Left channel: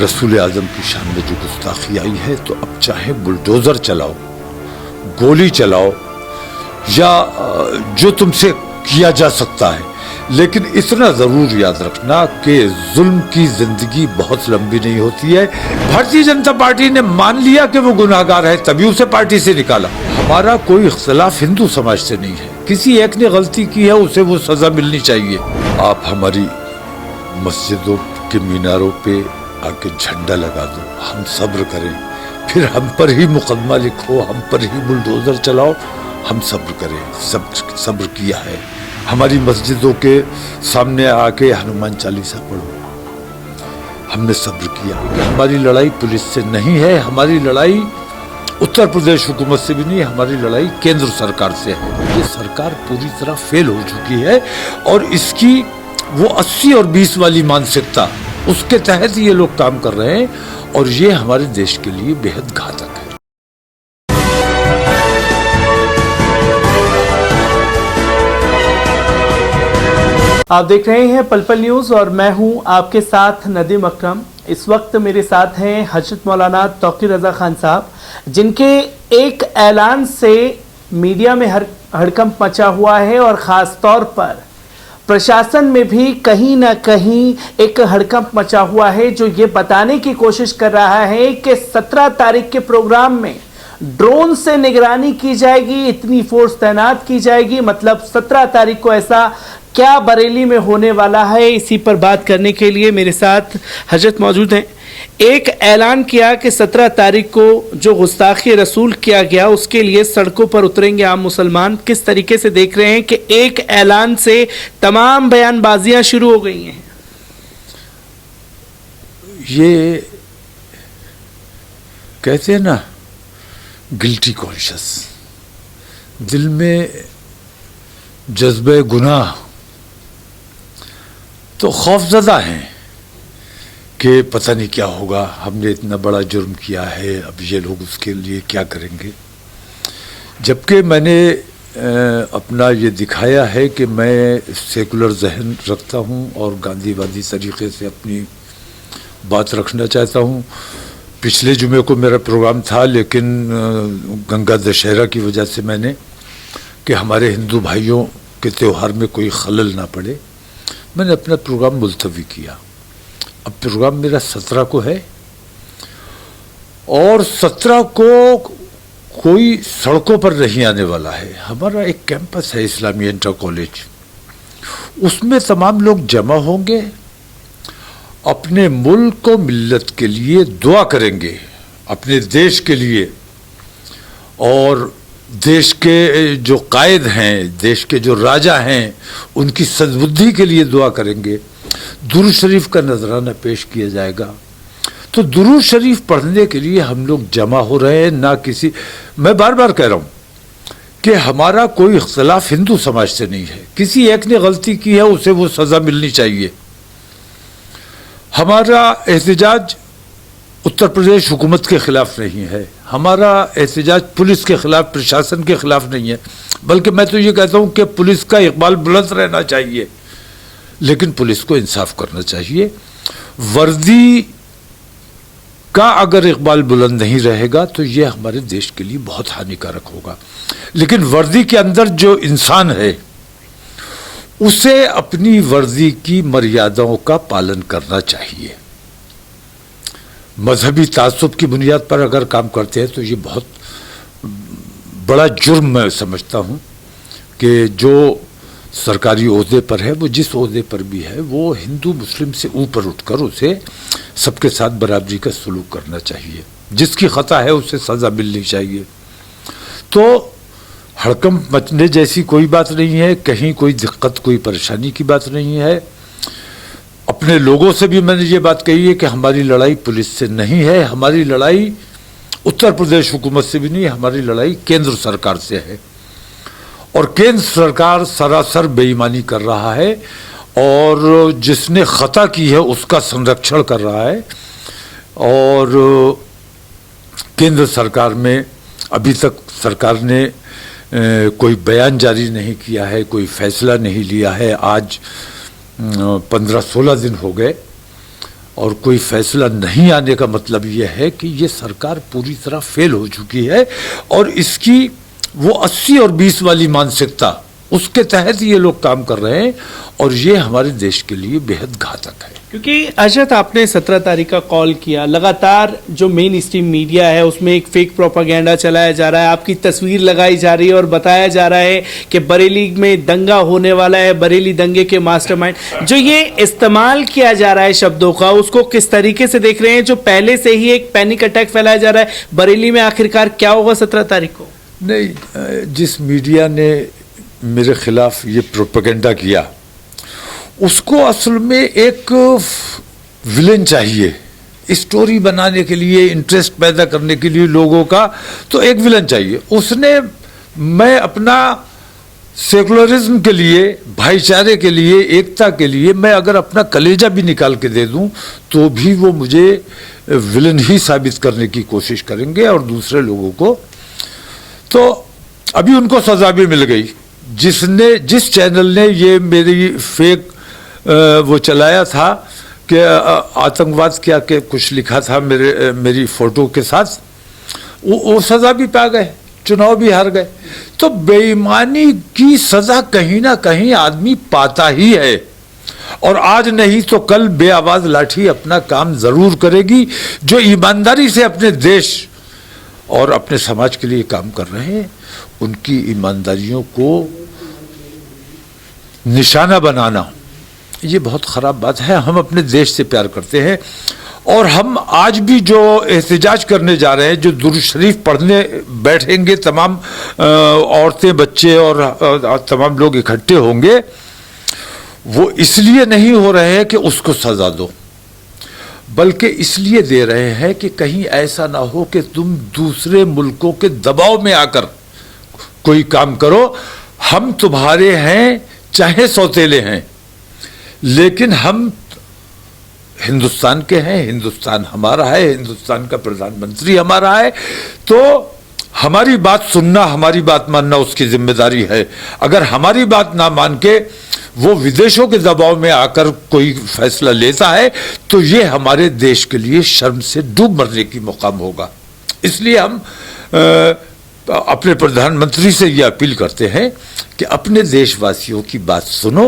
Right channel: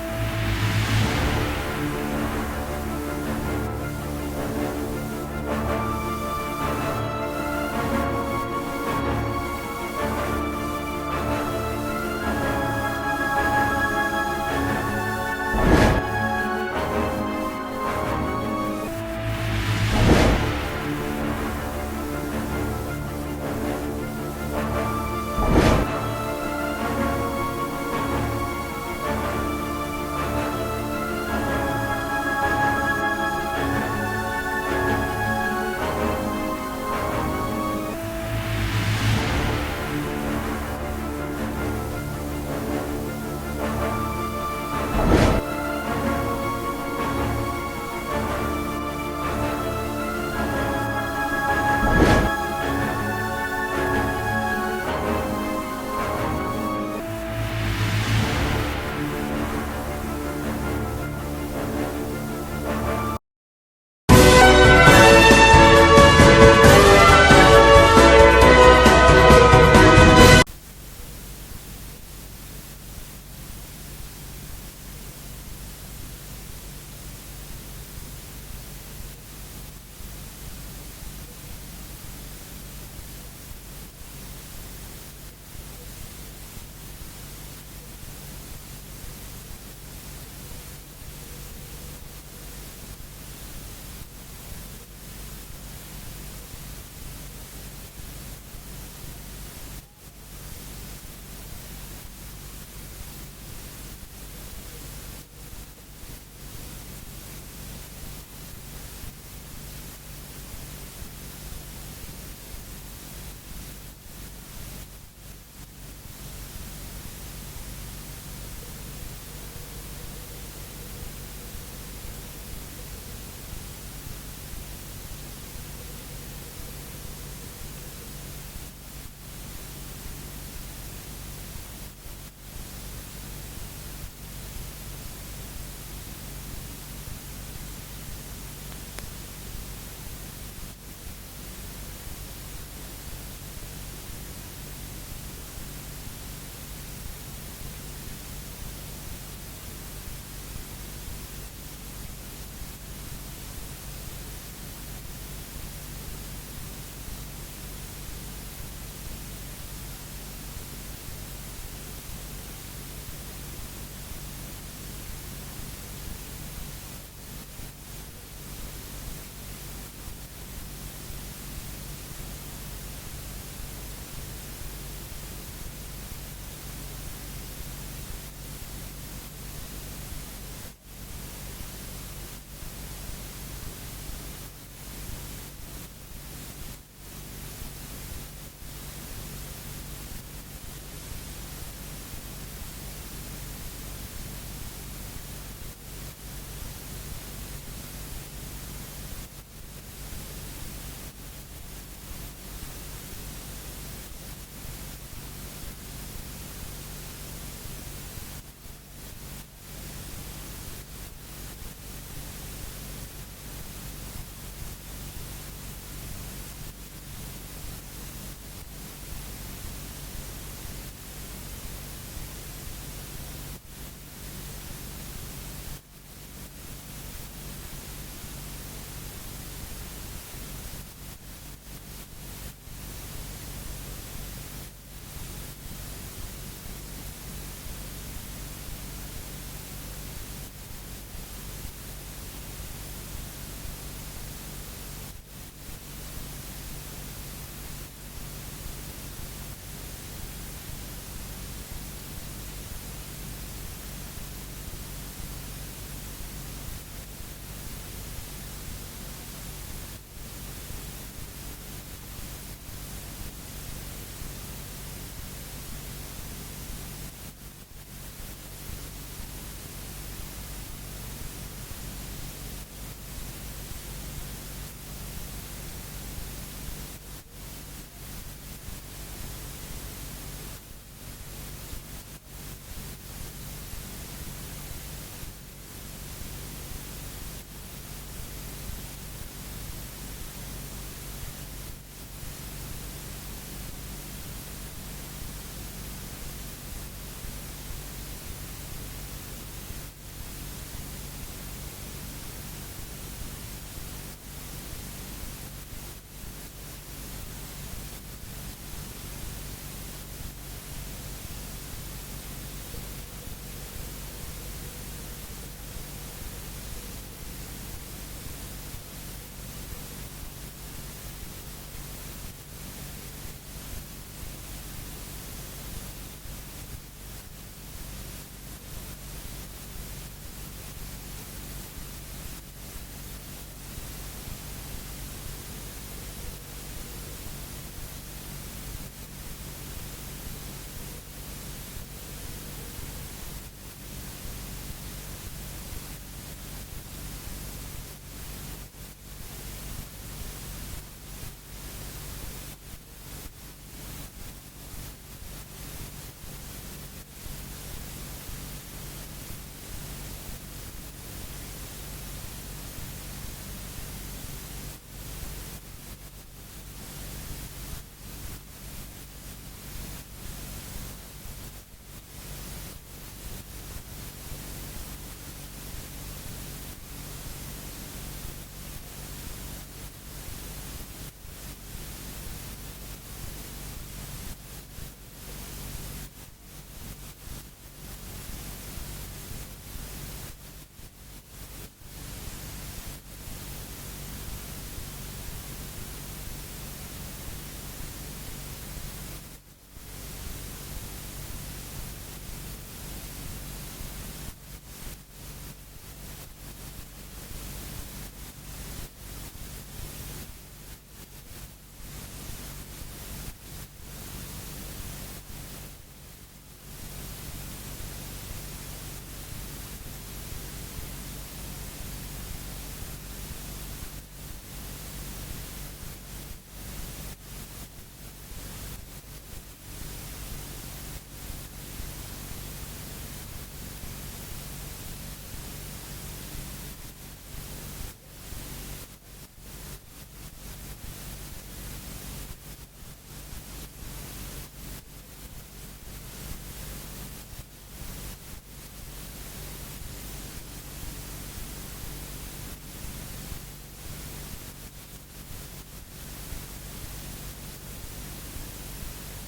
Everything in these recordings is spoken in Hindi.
रसूल आज़म की शान में जो गुस्ताखी आई है, तो अब चाहे बुलडोज़र चलाओ, गोली चलाओ या जो तुमसे किया जा सकता है, लेकिन इतना ज़रूर याद रखना कि जुल्म की ज़िंदगी बहुत लंबी नहीं होती है। भारतीय जनता पार्टी ने मान लिया कि वो गुनाहगार है, तभी उसे पार्टी से निकाला। हमारा कोई इख्तिलाफ हिंदू समाज से नहीं है। किसी एक ने गलती की है, उसे वो सज़ा मिलनी चाहिए। आप हमारी मस्जिदों के मीनारों पे आके झंडा लगा दो, हम सब्र करें, फिर हम पर ही मुकदमा लिखो, हम पर ही बुलडोज़र चलाओ, हम सब्र करें। सब्र किया है। हमारी मस्जिदों के सामने आके हनुमान चालीसा पढ़ो, हमने सब्र किया। हमारी लड़ाई पुलिस से नहीं है, हमारी लड़ाई उत्तर प्रदेश हुकूमत से भी नहीं, हमारी लड़ाई केंद्र सरकार से है। ये सरकार पूरी तरह फेल हो चुकी है और इसकी वो 80 और 20 वाली मानसिकता, उसके तहत ये लोग काम कर रहे हैं और ये हमारे देश के लिए बेहद घातक है। आप देख रहे हैं पल पल न्यूज़ और मैं हूं आपके साथ नदीम अकरम। इस वक्त मेरे साथ हैं हजरत मौलाना तौकीर रज़ा खान साहब, जिनके एक ऐलान से मीडिया में हड़कंप मचा हुआ है और ख़ास तौर पर प्रशासन में भी कहीं ना कहीं एक हड़कंप मचा हुआ है, जो ये बताने की कोशिश कर रहा है कि 17 तारीख के प्रोग्राम में ड्रोन से निगरानी की जाएगी, इतनी फोर्स तैनात की जाएगी। मतलब 17 तारीख को ऐसा क्या बरेली में होने वाला है, इसी पर बात करने के लिए मेरे साथ हजरत मौजूद हैं। एक ऐलान किया कि 17 तारीख को जो गुस्ताखी रसूल किया गया उसके लिए सड़कों पर उतरेंगे आम मुसलमान। किस तरीके से देख रहे हैं कि एक ऐलान से तमाम बयानबाजियां शुरू हो गई हैं? ये कहते हैं ना, गिल्टी कॉन्शियस, दिल में जज्बे गुनाह, तो खौफजदा हैं कि पता नहीं क्या होगा, हमने इतना बड़ा जुर्म किया है, अब ये लोग उसके लिए क्या करेंगे। जबकि मैंने अपना ये दिखाया है कि मैं सेकुलर जहन रखता हूँ और गांधीवादी तरीक़े से अपनी बात रखना चाहता हूँ। पिछले जुमे को मेरा प्रोग्राम था, लेकिन गंगा दशहरा की वजह से मैंने कि हमारे हिंदू भाइयों के त्यौहार में कोई खलल ना पड़े, मैंने अपना प्रोग्राम मुलतवी किया। अब प्रोग्राम मेरा 17 को है और 17 को कोई सड़कों पर नहीं आने वाला है। हमारा एक कैंपस है इस्लामी इंटर कॉलेज, उसमें तमाम लोग जमा होंगे, अपने मुल्क और मिल्लत के लिए दुआ करेंगे, अपने देश के लिए, और देश के जो कायद हैं, देश के जो राजा हैं, उनकी सद्बुद्धि के लिए दुआ करेंगे। दुरूद शरीफ का नजराना पेश किया जाएगा। तो दुरूद शरीफ पढ़ने के लिए हम लोग जमा हो रहे हैं, ना किसी, मैं बार बार कह रहा हूँ कि हमारा कोई इख्तिलाफ हिंदू समाज से नहीं है। किसी एक ने गलती की है, उसे वो सज़ा मिलनी चाहिए। हमारा एहतजाज उत्तर प्रदेश हुकूमत के ख़िलाफ़ नहीं है, हमारा एहतजाज पुलिस के ख़िलाफ़, प्रशासन के ख़िलाफ़ नहीं है, बल्कि मैं तो ये कहता हूँ कि पुलिस का इक़बाल बुलंद रहना चाहिए, लेकिन पुलिस को इंसाफ करना चाहिए। वर्दी का अगर इक़बाल बुलंद नहीं रहेगा तो ये हमारे देश के लिए बहुत हानिकारक होगा। लेकिन वर्दी के अंदर जो इंसान है, उसे अपनी वर्दी की मर्यादाओं का पालन करना चाहिए। मजहबी तासुब की बुनियाद पर अगर काम करते हैं तो ये बहुत बड़ा जुर्म मैं समझता हूँ कि जो सरकारी ओहदे पर है, वो जिस ओहदे पर भी है, वो हिंदू मुस्लिम से ऊपर उठकर उसे सबके साथ बराबरी का सलूक करना चाहिए। जिसकी ख़ता है उसे सज़ा मिलनी चाहिए। तो हड़कंप मचने जैसी कोई बात नहीं है, कहीं कोई दिक्कत, कोई परेशानी की बात नहीं है। अपने लोगों से भी मैंने ये बात कही है कि हमारी लड़ाई पुलिस से नहीं है, हमारी लड़ाई उत्तर प्रदेश हुकूमत से भी नहीं, हमारी लड़ाई केंद्र सरकार से है। और केंद्र सरकार सरासर बेईमानी कर रहा है और जिसने ख़ता की है उसका संरक्षण कर रहा है। और केंद्र सरकार में अभी तक सरकार ने कोई बयान जारी नहीं किया है, कोई फैसला नहीं लिया है। आज 15-16 दिन हो गए और कोई फैसला नहीं आने का मतलब ये है कि ये सरकार पूरी तरह फेल हो चुकी है और इसकी वो 80 और 20 वाली मानसिकता, उसके तहत ये लोग काम कर रहे हैं और ये हमारे देश के लिए बेहद घातक है। क्योंकि अजत, आपने 17 तारीख का कॉल किया, लगातार जो मेन स्ट्रीम मीडिया है उसमें एक फेक प्रोपागेंडा चलाया जा रहा है, आपकी तस्वीर लगाई जा रही है और बताया जा रहा है कि बरेली में दंगा होने वाला है, बरेली दंगे के मास्टरमाइंड। जो ये इस्तेमाल किया जा रहा है शब्दों का, उसको किस तरीके से देख रहे हैं? जो पहले से ही एक पैनिक अटैक फैलाया जा रहा है बरेली में, आखिरकार क्या होगा 17 तारीख को? नहीं, जिस मीडिया ने मेरे खिलाफ ये प्रोपेगेंडा किया, उसको असल में एक विलेन चाहिए स्टोरी बनाने के लिए, इंटरेस्ट पैदा करने के लिए लोगों का, तो एक विलेन चाहिए। उसने, मैं अपना सेकुलरिज्म के लिए, भाईचारे के लिए, एकता के लिए, मैं अगर अपना कलेजा भी निकाल के दे दूं तो भी वो मुझे विलेन ही साबित करने की कोशिश करेंगे और दूसरे लोगों को। तो अभी उनको सजा भी मिल गई। जिस चैनल ने ये मेरी फेक वो चलाया था कि आतंकवाद क्या के कुछ लिखा था मेरी फोटो के साथ, वो सजा भी पा गए, चुनाव भी हार गए। तो बेईमानी की सजा कहीं ना कहीं आदमी पाता ही है और आज नहीं तो कल बेआवाज लाठी अपना काम जरूर करेगी। जो ईमानदारी से अपने देश और अपने समाज के लिए काम कर रहे हैं, उनकी ईमानदारियों को निशाना बनाना ये बहुत ख़राब बात है। हम अपने देश से प्यार करते हैं और हम आज भी जो एहतजाज करने जा रहे हैं, जो दुरूद शरीफ पढ़ने बैठेंगे, तमाम औरतें, बच्चे और तमाम लोग इकट्ठे होंगे, वो इसलिए नहीं हो रहे हैं कि उसको सज़ा दो, बल्कि इसलिए दे रहे हैं कि कहीं ऐसा ना हो कि तुम दूसरे मुल्कों के दबाव में आकर कोई काम करो। हम तुम्हारे हैं, चाहे सौतेले हैं, लेकिन हम हिंदुस्तान के हैं, हिंदुस्तान हमारा है, हिंदुस्तान का प्रधानमंत्री हमारा है, तो हमारी बात सुनना, हमारी बात मानना उसकी जिम्मेदारी है। अगर हमारी बात ना मान के वो विदेशों के दबाव में आकर कोई फैसला लेता है तो ये हमारे देश के लिए शर्म से डूब मरने की मुकाम होगा। इसलिए हम अपने प्रधानमंत्री से ये अपील करते हैं कि अपने देशवासियों की बात सुनो।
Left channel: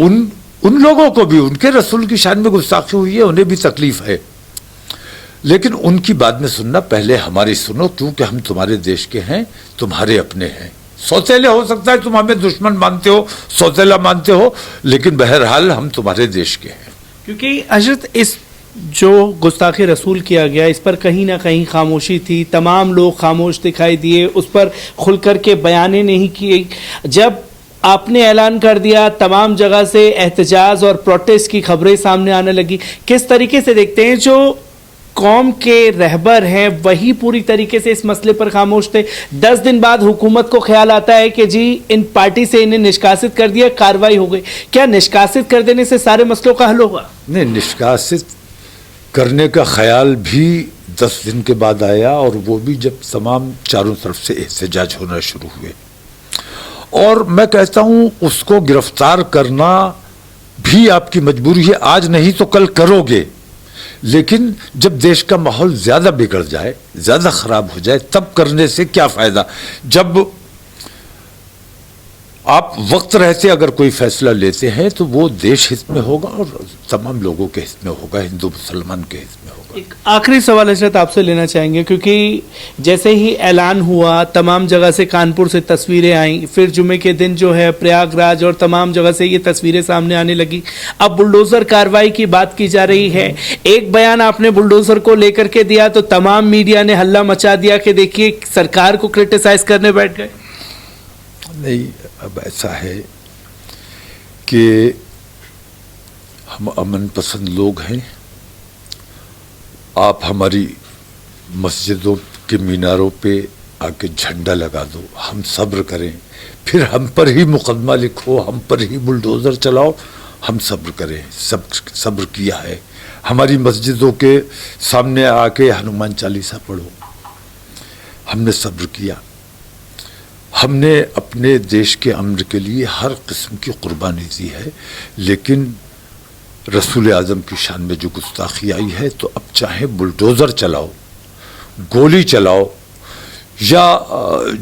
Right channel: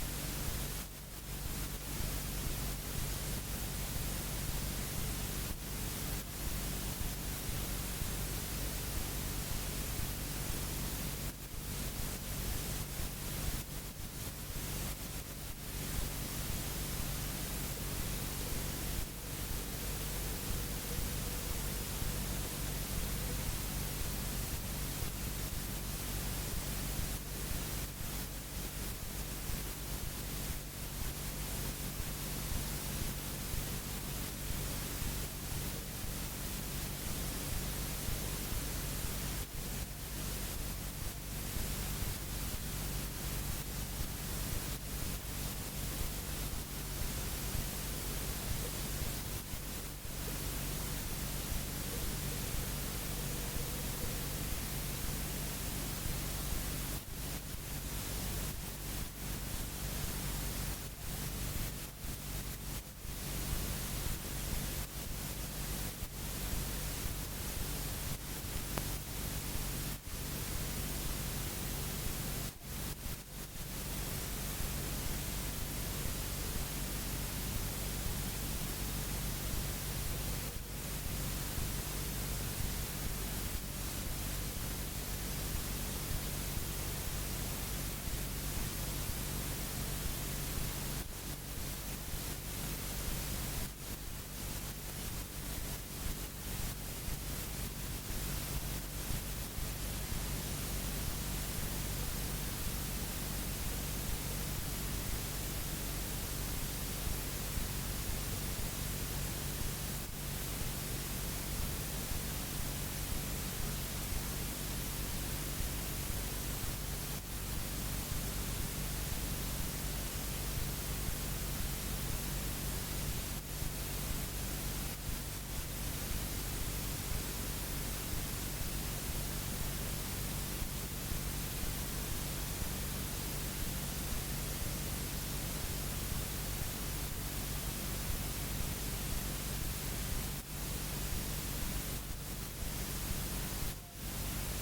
उन लोगों को भी, उनके रसूल की शान में गुस्ताखी हुई है, उन्हें भी तकलीफ है, लेकिन उनकी बात में सुनना, पहले हमारी सुनो, क्योंकि हम तुम्हारे देश के हैं, तुम्हारे अपने हैं। सौतेले हो सकता है तुम हमें दुश्मन मानते हो, सौतेला मानते हो, लेकिन बहरहाल हम तुम्हारे देश के हैं। क्योंकि हजरत, इस जो गुस्ताखी रसूल किया गया, इस पर कहीं ना कहीं खामोशी थी, तमाम लोग खामोश दिखाई दिए, उस पर खुलकर के बयानें नहीं किए। जब आपने ऐलान कर दिया, तमाम जगह से एहतजाज और प्रोटेस्ट की खबरें सामने आने लगी। किस तरीके से देखते हैं, जो कौम के रहबर हैं वही पूरी तरीके से इस मसले पर खामोश थे? 10 दिन बाद हुकूमत को ख्याल आता है कि जी इन पार्टी से इन्हें निष्कासित कर दिया, कार्रवाई हो गई। क्या निष्कासित कर देने से सारे मसलों का हल होगा? नहीं, निष्कासित करने का ख्याल भी 10 दिन के बाद आया, और वो भी जब तमाम चारों तरफ से एहतजाज होना शुरू हुए। और मैं कहता हूं उसको गिरफ्तार करना भी आपकी मजबूरी है, आज नहीं तो कल करोगे, लेकिन जब देश का माहौल ज्यादा बिगड़ जाए, ज्यादा खराब हो जाए, तब करने से क्या फायदा। जब आप वक्त रहते अगर कोई फैसला लेते हैं तो वो देश हित में होगा और तमाम लोगों के हित में होगा, हिंदू मुसलमान के हित में होगा। एक आखिरी सवाल हजरत आपसे लेना चाहेंगे, क्योंकि जैसे ही ऐलान हुआ, तमाम जगह से, कानपुर से तस्वीरें आईं, फिर जुमे के दिन जो है प्रयागराज और तमाम जगह से ये तस्वीरें सामने आने लगी। अब बुलडोज़र कार्रवाई की बात की जा रही है। एक बयान आपने बुलडोज़र को लेकर के दिया तो तमाम मीडिया ने हल्ला मचा दिया कि देखिए सरकार को क्रिटिसाइज करने बैठ गए। नहीं, अब ऐसा है कि हम अमन पसंद लोग हैं। आप हमारी मस्जिदों के मीनारों पे आके झंडा लगा दो, हम सब्र करें, फिर हम पर ही मुकदमा लिखो, हम पर ही बुलडोज़र चलाओ, हम सब्र करें। सब्र किया है। हमारी मस्जिदों के सामने आके हनुमान चालीसा पढ़ो, हमने सब्र किया। हमने अपने देश के अमन के लिए हर किस्म की कुर्बानी दी है, लेकिन रसूल आज़म की शान में जो गुस्ताखी आई है, तो अब चाहे बुलडोज़र चलाओ, गोली चलाओ, या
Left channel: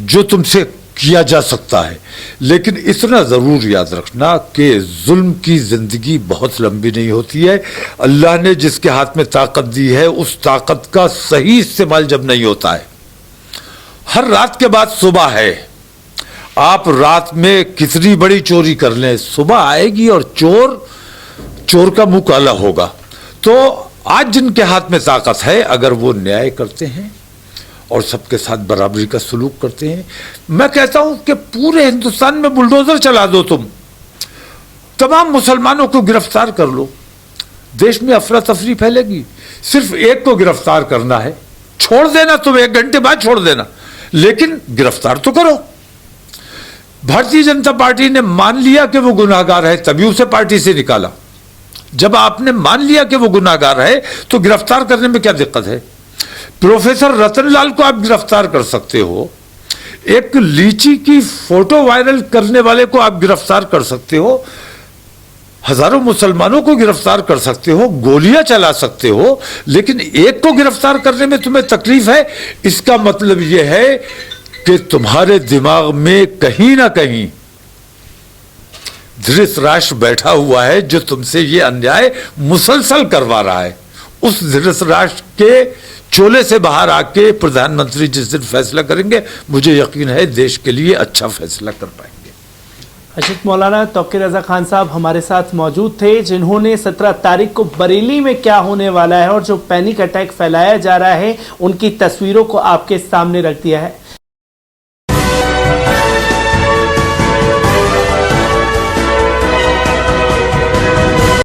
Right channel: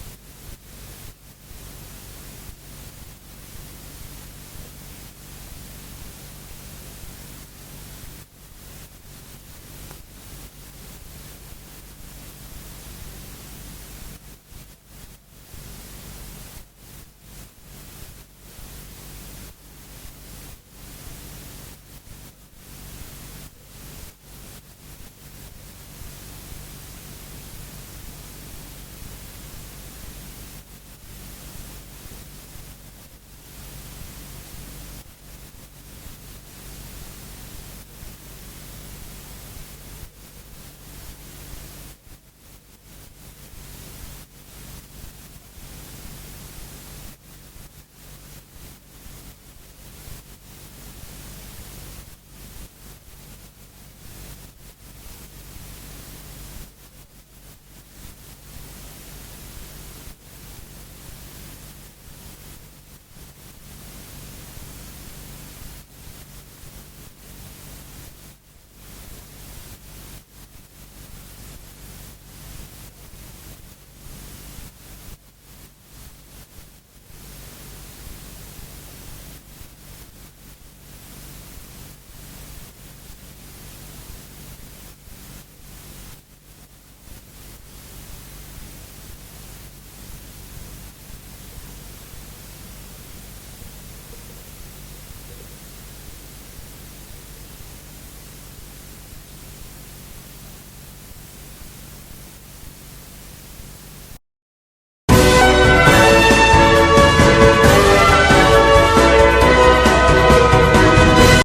जो तुमसे किया जा सकता है, लेकिन इतना ज़रूर याद रखना कि जुल्म की ज़िंदगी बहुत लंबी नहीं होती है। अल्लाह ने जिसके हाथ में ताकत दी है, उस ताकत का सही इस्तेमाल जब नहीं होता है। हर रात के बाद सुबह है। आप रात में कितनी बड़ी चोरी कर लें, सुबह आएगी और चोर का मुंह काला होगा। तो आज जिनके हाथ में ताकत है, अगर वो न्याय करते हैं और सबके साथ बराबरी का सलूक करते हैं, मैं कहता हूं कि पूरे हिंदुस्तान में बुलडोजर चला दो, तुम तमाम मुसलमानों को गिरफ्तार कर लो, देश में अफरा तफरी फैलेगी। सिर्फ एक को गिरफ्तार करना है, छोड़ देना तुम 1 घंटे बाद छोड़ देना, लेकिन गिरफ्तार तो करो। भारतीय जनता पार्टी ने मान लिया कि वो गुनाहगार है, तभी उसे पार्टी से निकाला। जब आपने मान लिया कि वो गुनाहगार है, तो गिरफ्तार करने में क्या दिक्कत है? प्रोफेसर रतनलाल को आप गिरफ्तार कर सकते हो, एक लीची की फोटो वायरल करने वाले को आप गिरफ्तार कर सकते हो, हजारों मुसलमानों को गिरफ्तार कर सकते हो, गोलियां चला सकते हो, लेकिन एक को गिरफ्तार करने में तुम्हें तकलीफ है। इसका मतलब यह है कि तुम्हारे दिमाग में कहीं ना कहीं धृतराष्ट्र बैठा हुआ है, जो तुमसे ये अन्याय मुसलसल करवा रहा है। उस धृतराष्ट्र के चोले से बाहर आके प्रधानमंत्री जिस दिन फैसला करेंगे, मुझे यकीन है देश के लिए अच्छा फैसला कर पाएंगे। हजरत मौलाना तौकीर रज़ा खान साहब हमारे साथ मौजूद थे, जिन्होंने 17 तारीख को बरेली में क्या होने वाला है और जो पैनिक अटैक फैलाया जा रहा है, उनकी तस्वीरों को आपके सामने रख दिया है।